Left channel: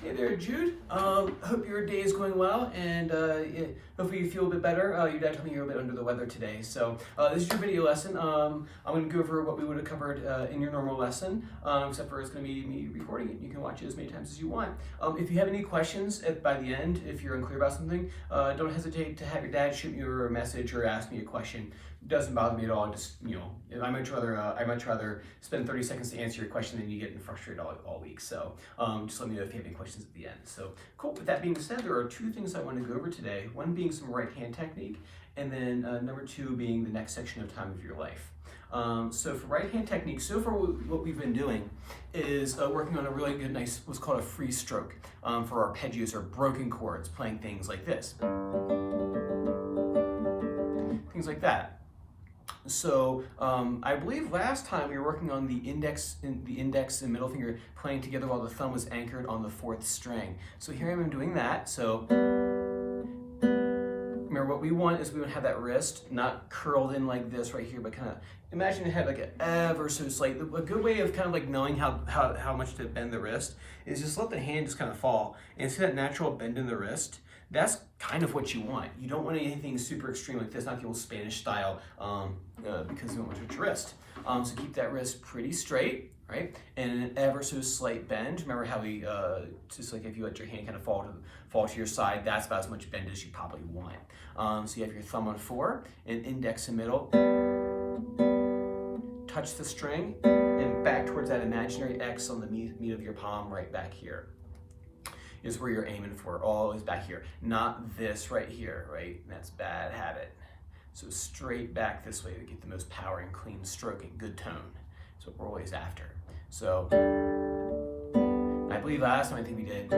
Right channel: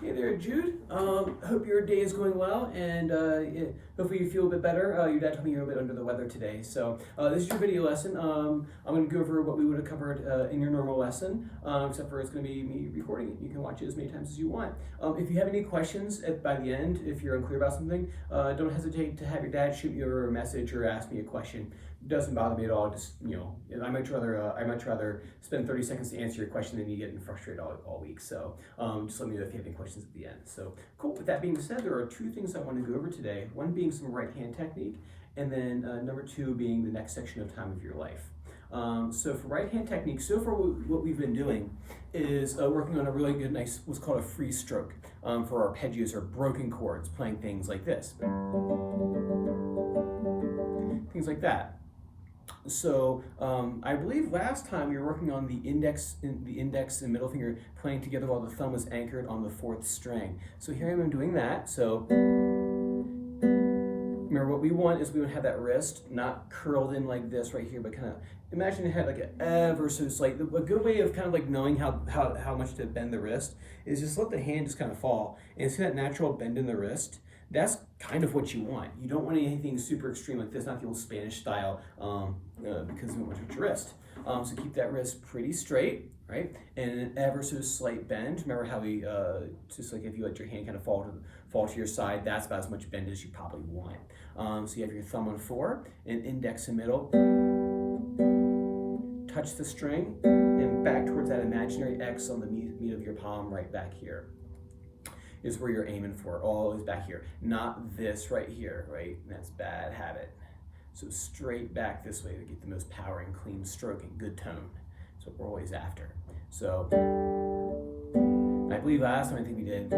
Hey there, Jude. Hope your day is going well, and hopefully you feel a bit better. Your dad told me you're a bit under the weather today, so this is your video lesson. I'm going to go over what we would have covered in your normal lesson, except for it's going to be me recording it. You can watch it as many times as you want. If you have any questions by the end, if you're unclear about something, don't hesitate to have your dad shoot me a message or ask me a question. It doesn't bother me at all. Just, I much rather spend 30 seconds to answer your question than you getting frustrated all week. So just let me know if you have any questions at the end. So cool. With that being said, there are two things I want to go over today. One being some right hand technique, and then number two being the next section of time of your life. So for right hand technique, so far what we've been doing is working on a really good, nice, what's called a free stroke for arpeggios or broken chords, playing things like this, things like that. So I believe last time we were working on the index and middle finger playing together while the thumb was anchored on the fourth string. So here I am doing that. So remember, what we want is we would have that wrist not curled in like this right here, but kind of imagine it had like an ever so slight. A good way of kind of like knowing how much to bend the wrist is just let the hand just kind of fall and see that natural bend in the wrist. That's kind of what you want. You don't want anything super extreme like this, not the old Spanish style, because you don't want to touch your wrist. So keep that wrist pretty straight, right? And an ever so slight bend. Remember how we, just like if you let your hand kind of fall to your side, that's about as much bend as you probably want. So you have your thumb on 4 and index and middle. Touch the string and back towards that imaginary X on the meat of your palm right back here is where you're aiming for, always back here. Not this right here, right? That's bad habit. So straight back this way to get the most power and clean stroke and good tone. So we're always after. So I believe last time I think we did,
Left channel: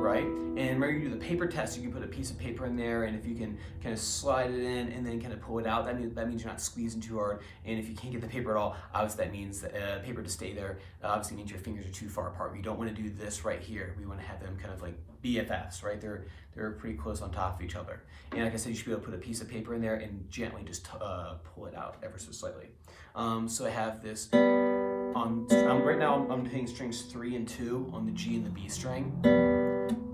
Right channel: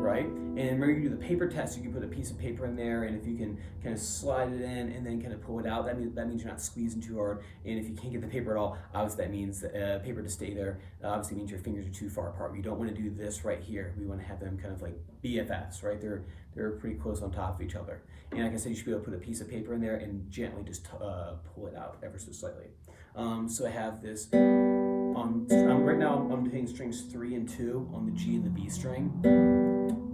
right? And remember, you do the paper test. You can put a piece of paper in there, and if you can kind of slide it in and then kind of pull it out, that means you're not squeezing too hard. And if you can't get the paper at all, obviously that means the paper to stay there. Obviously means your fingers are too far apart. We don't want to do this right here. We want to have them kind of like BFFs, right? They're pretty close on top of each other. And like I said, you should be able to put a piece of paper in there and gently just pull it out ever so slightly. So I have this right now I'm hitting strings 3 and 2 on the G and the B string,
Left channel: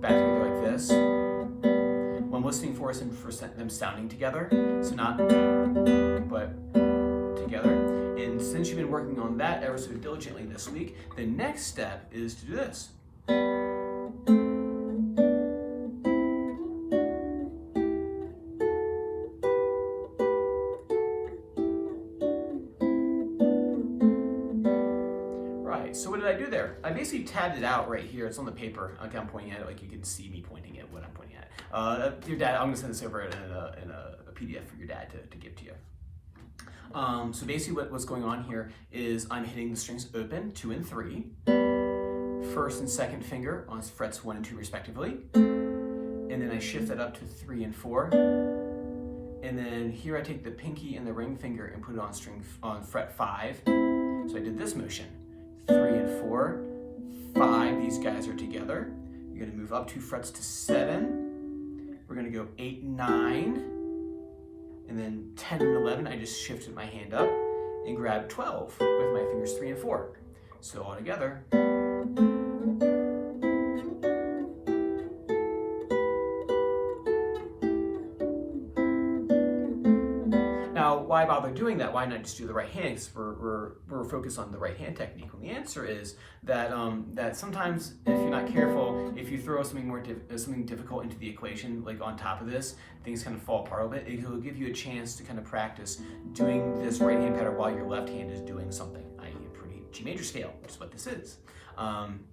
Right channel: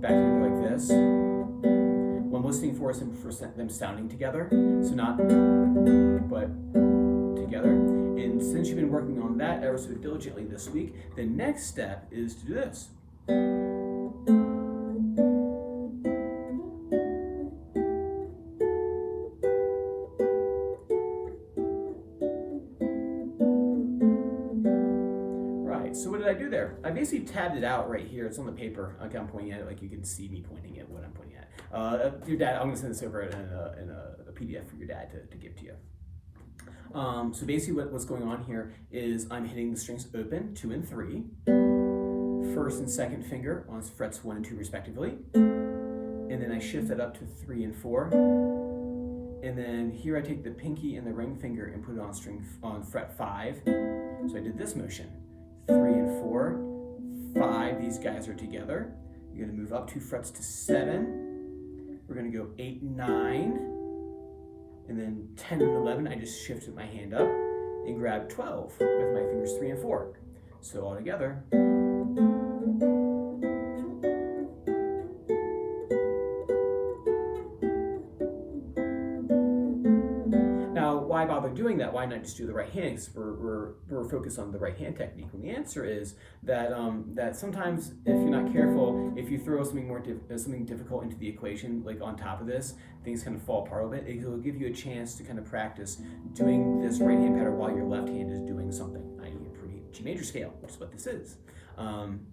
back together like this. What I'm listening for is for them sounding together, so not but together. And since you've been working on that ever so diligently this week, the next step is to do this. So what did I do there? I basically tabbed it out right here. It's on the paper. Okay, I'm pointing at it like you can see me pointing at what I'm pointing at. Your dad, I'm gonna send this over in a PDF for your dad to give to you. So basically what's going on here is I'm hitting the strings open, 2 and 3, first and second finger on frets 1 and 2 respectively, and then I shift that up to 3 and 4, and then here I take the pinky and the ring finger and put it on fret 5. So I did this motion. 3 and 4, 5, these guys are together. You're gonna move up 2 frets to 7. We're gonna go 8 and 9, and then 10 and 11, I just shifted my hand up and grabbed 12 with my fingers 3 and 4. So all together. Why bother doing that? Why not just do the right hand? Because we're focused on the right hand technique. Well, the answer is that that sometimes, if you're not careful, if you throw something difficult into the equation, like on top of this, things kind of fall apart a bit. It will give you a chance to kind of practice doing this right hand pattern while your left hand is doing something, i.e. a pretty G major scale, which is what this is. And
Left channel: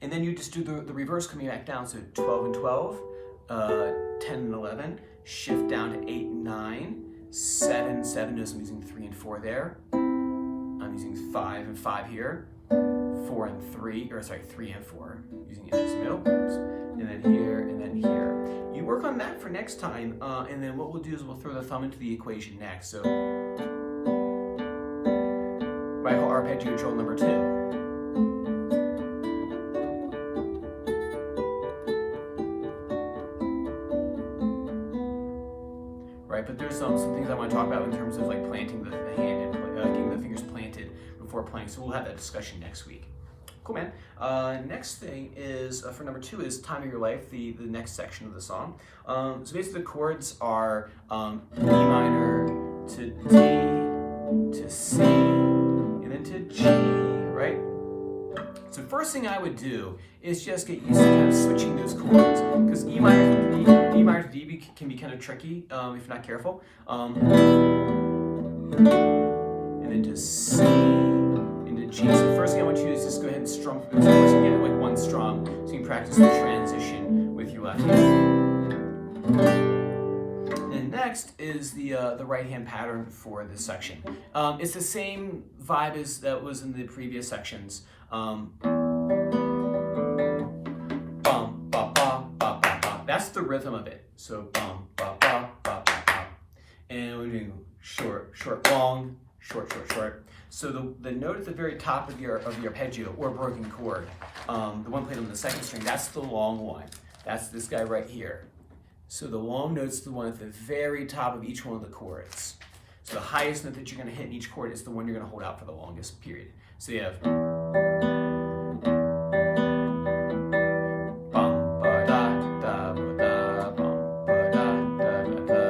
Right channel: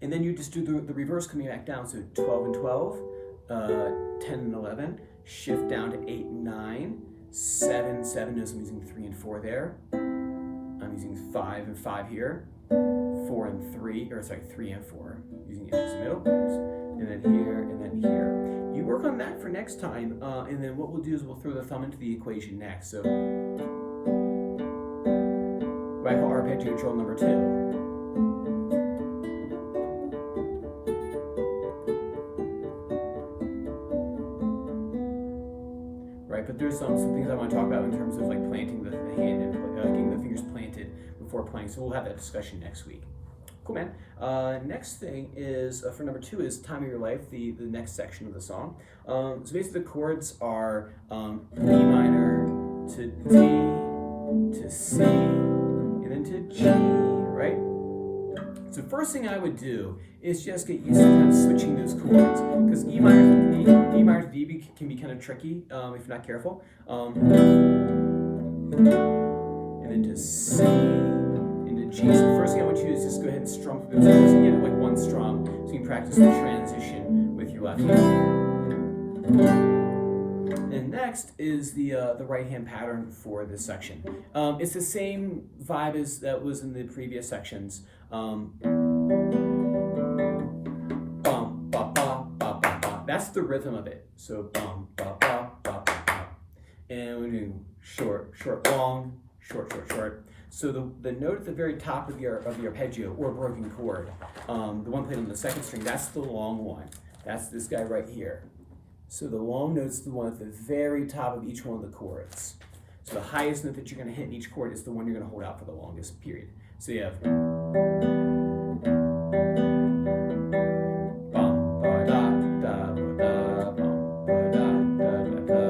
then you just do the reverse coming back down. So 12 and 12, 10 and 11, shift down to 8 and 9. 7, 7, notice I'm using 3 and 4 there. I'm using 5 and 5 here. 4 and 3, or sorry, 3 and 4, using index and middle. And then here, and then here. You work on that for next time, and then what we'll do is we'll throw the thumb into the equation next. So, what I call arpeggio drill number 2. But there's some things I want to talk about in terms of like planting the hand and getting the fingers planted before playing. So we'll have that discussion next week. Cool, man. Next thing is, for number 2 is Time of Your Life, the next section of the song. So basically the chords are E minor to D to C and then to G, right? So first thing I would do is just get used to kind of switching those chords, because E minor to D can be kind of tricky if you're not careful. And then to C, into G. So the first thing I want you to do is just go ahead and strum through those chords and get it like one strum, so you can practice the transition with your left hand. And next is the right hand pattern for this section. It's the same vibe as that was in the previous sections. Bum, ba, ba, ba, ba, ba. That's the rhythm of it. So bum, ba, ba, ba, ba, ba. And we do short, short, long, short, short, short. So the note at the very top of your arpeggio or broken chord, the one played on the second string, that's the long one. That's this guy right here. So the long note's the one at the very top of each one of the chords. So the highest note that you're going to hit in each chord is the one you're going to hold out for the longest period. So you have bum ba da da ba da bum ba da da ba da.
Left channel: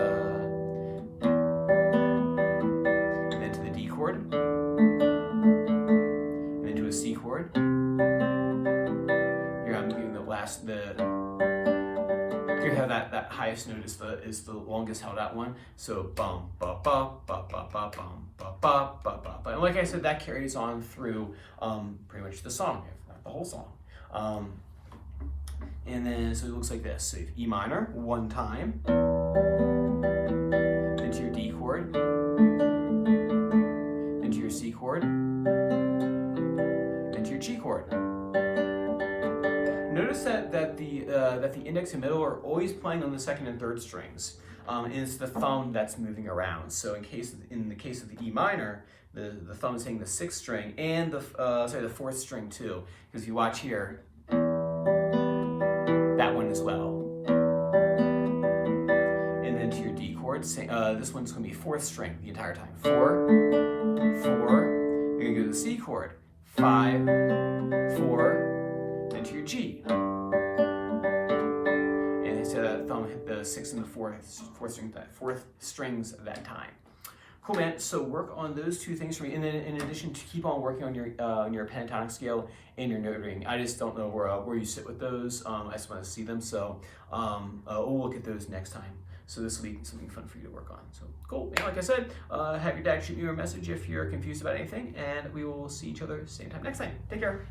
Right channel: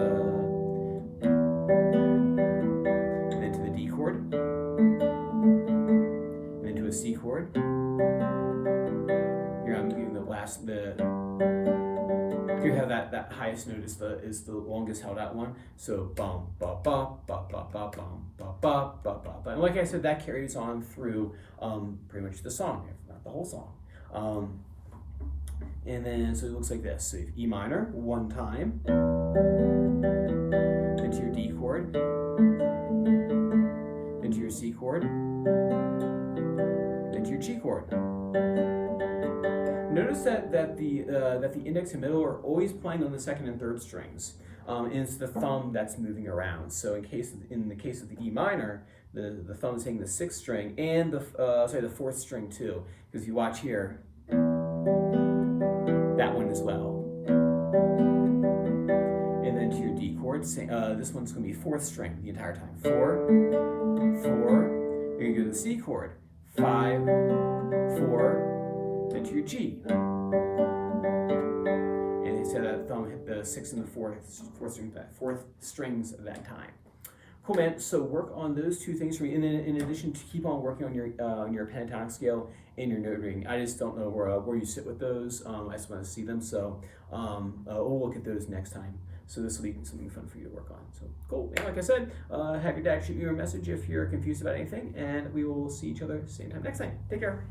And then to the D chord. And then to a C chord. Here I'm giving you have that highest note is the longest held out one. So bum ba ba ba ba ba bum ba ba ba ba ba. And like I said, that carries on through pretty much the song, if not the whole song. And then so it looks like this. So you have E minor one time, then to your D chord, then to your C chord, then to your G chord. Notice that the index and middle are always playing on the second and third strings, and it's the thumb that's moving around. So in the case of the E minor, the thumb is hitting the 6th string and the 4th string too. Because if you watch here, that one as well. And then to your D chord, this one's going to be 4th string the entire time. 4, 4. You're going to go to the C chord. 5, 4. Then to your G. And instead that thumb hit the 6th and the 4th strings at that time. Cool, man. So work on those two things for me, and then in addition to keep on working on your pentatonic scale and your note reading. I just don't know where you sit with those. I just want to see them, so we'll look at those next time. So this will be something fun for you to work on. So cool. And like I said, have your dad shoot you a message if you're confused about anything, and we will see each other same time next time. Take care.